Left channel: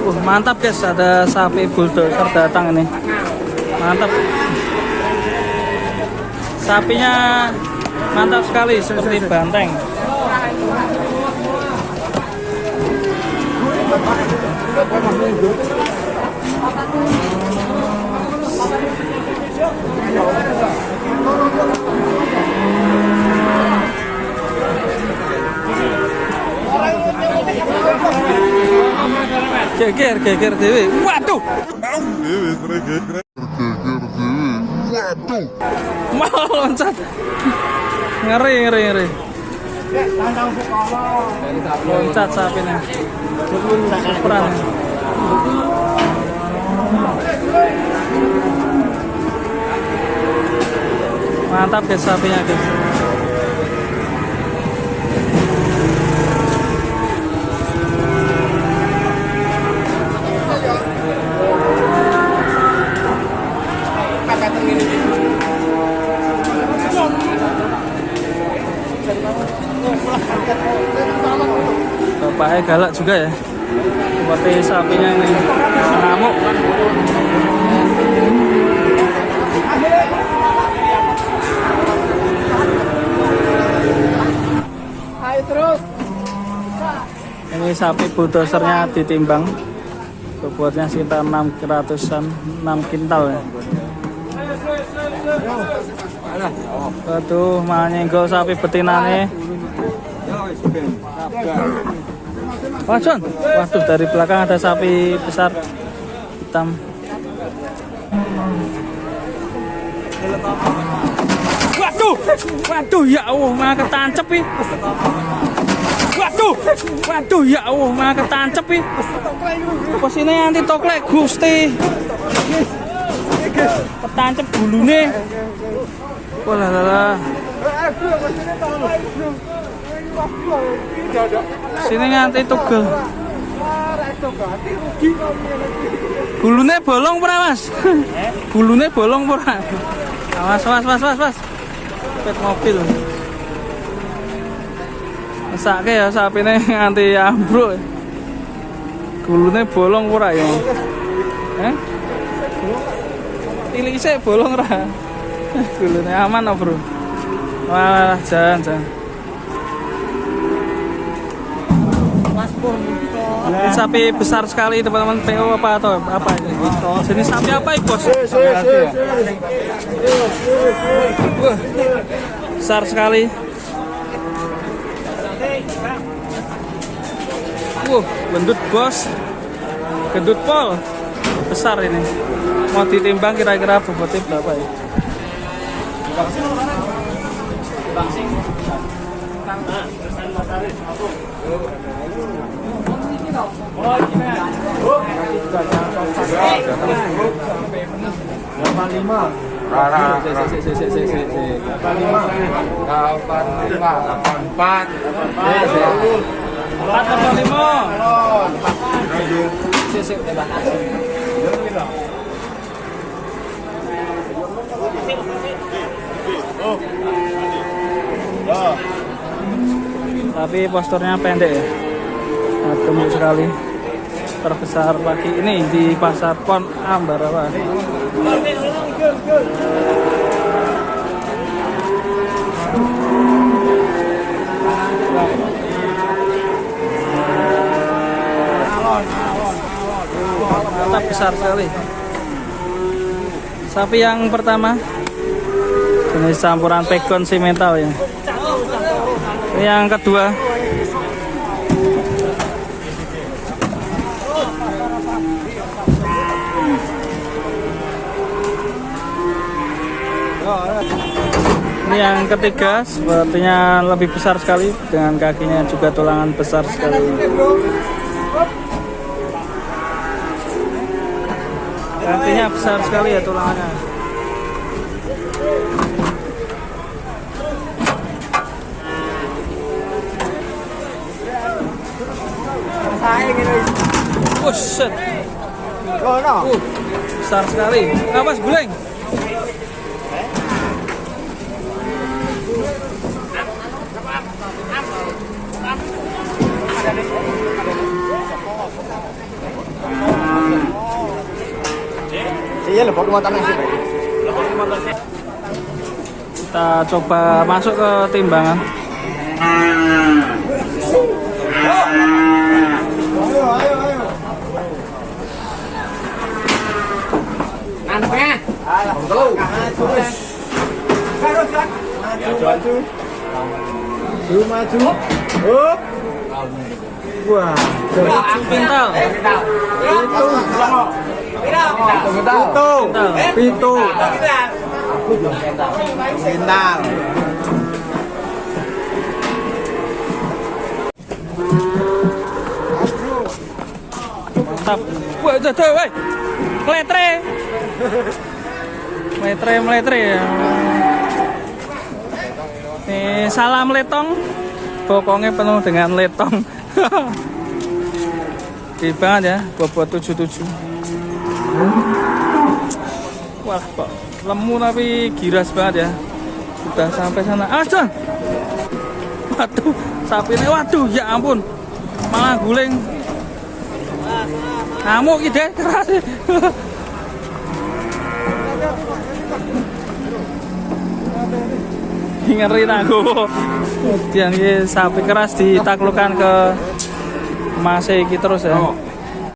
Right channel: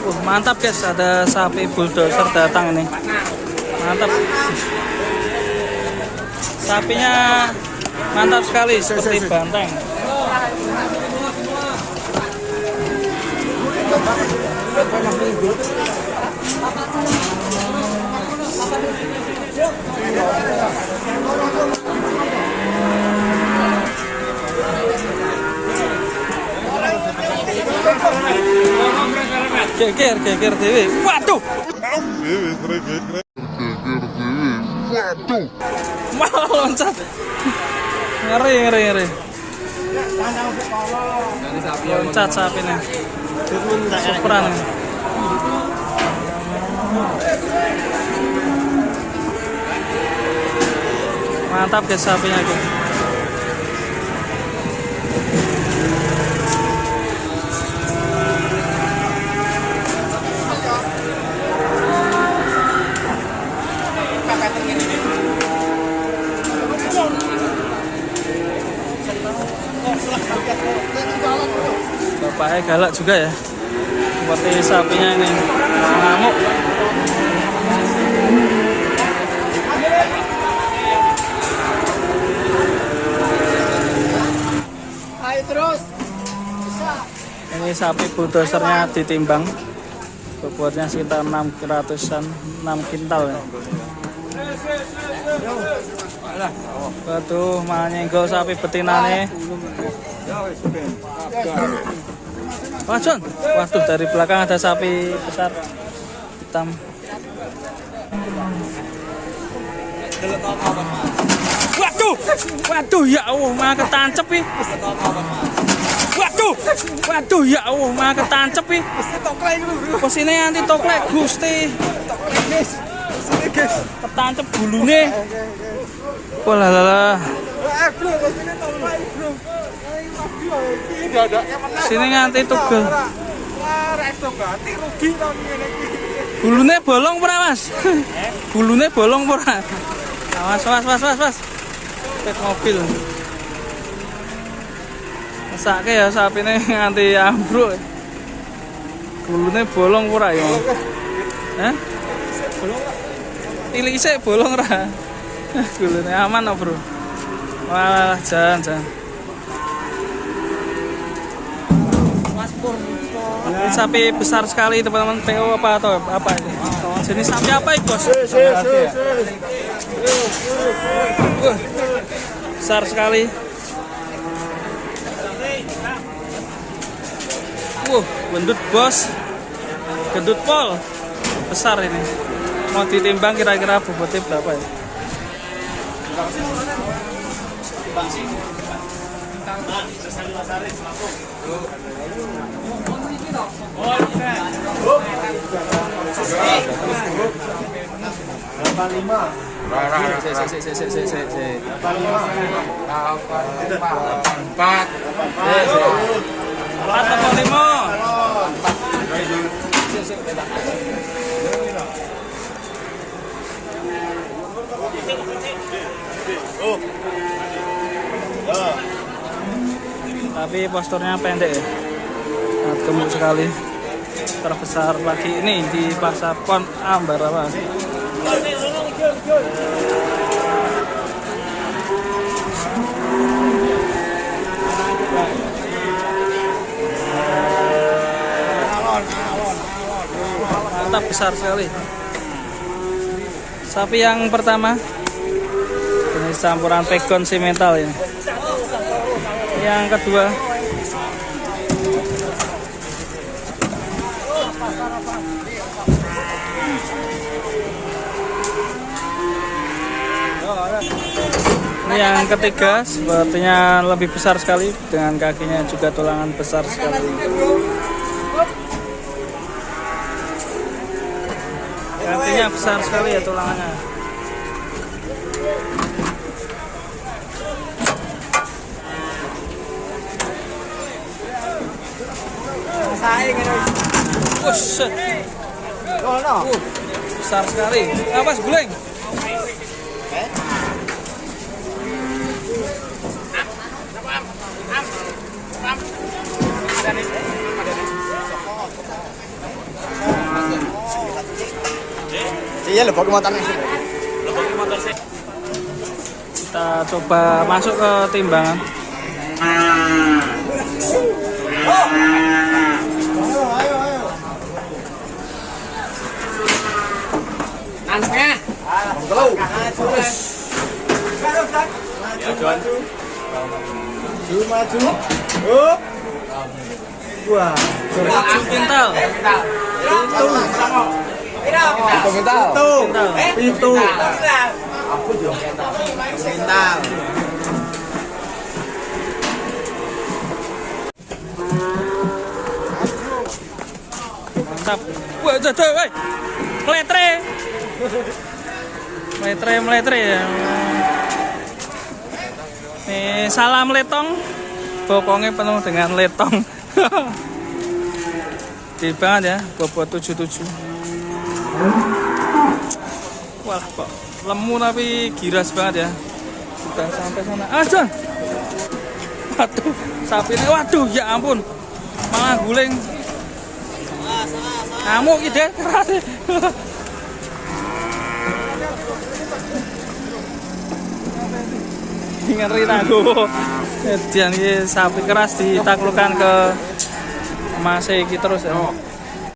Mantap guys, ada sapi bulldozer datang ini. Mantap. Sapinya mantap sekali seperti banteng. Geger dewe. Waduh. Mau loncat. Ngeri. Loncat sapinya. Superan. Mantap guys sapinya guys. Bapaknya galak juga ya, seperti sapinya ini ngamuk. Ini sapi bulldozernya ditimbang, bobotnya sekitar 6 kintal ya. Waduh, malah nyenggol sapi betinane. Waduh, dari belakang ada sapi besar hitam. Waduh, ya Allah, malah ketancep nih. Waduh, ya Allah, malah ketancep nih. Pesine anti toklek Gusti. Ketancep bulune. Walah. Sini nganti tugel. Gulune bolong ora, Mas? Gulune bolong ora? Awas. Pet mobil. Mesake ya sapine nganti ambruk. Gulune bolong ora ya? Hah? Ilise bolong ora? Gulune aman oh, Bro. Wah, jangan. Ini sapi besar sekali teman-teman, PO atau apa ini? Jenis sapi apa ini bos? Besar sekali. Gendut bos, gendut pol, besar ini. Mau ditimbang kira-kira bobotnya berapa ya? Tapi posturnya pendek ya, sangat gemuk sekali. Terbesar pagi ini di pasar Pon Ambarawa. Mantap, besar sekali. Sapi yang pertama jenis campuran pegon simental ya. Yang kedua ini, yang ketiga sepertinya lebih besar sekali dengan kakinya juga tulangan besar sekali. Kakinya besar sekali ya tulangannya. Buset. Besar sekali. Awas guleng. Iya, lebok muatan nasi. Kita coba masuk ke timbangan. Maju. Oh. Wah, Pintal. Pitu. Bintang. Mantap. Wah, jatuh, woi. Meletre. Meletre ya. Nih, salam letong. Bokongnya penuh dengan letong. Gede banget ya, bobot 77. Wah, kok lemu tapi giras banget ya. Sudah sampai sana. Ah, John. Waduh, sapi ini, waduh, ya ampun. Malah guling. Ngamuk gitu keras. Ngeri aku. Jadi sapi keras ditaklukkan ke Mas iki terus ya.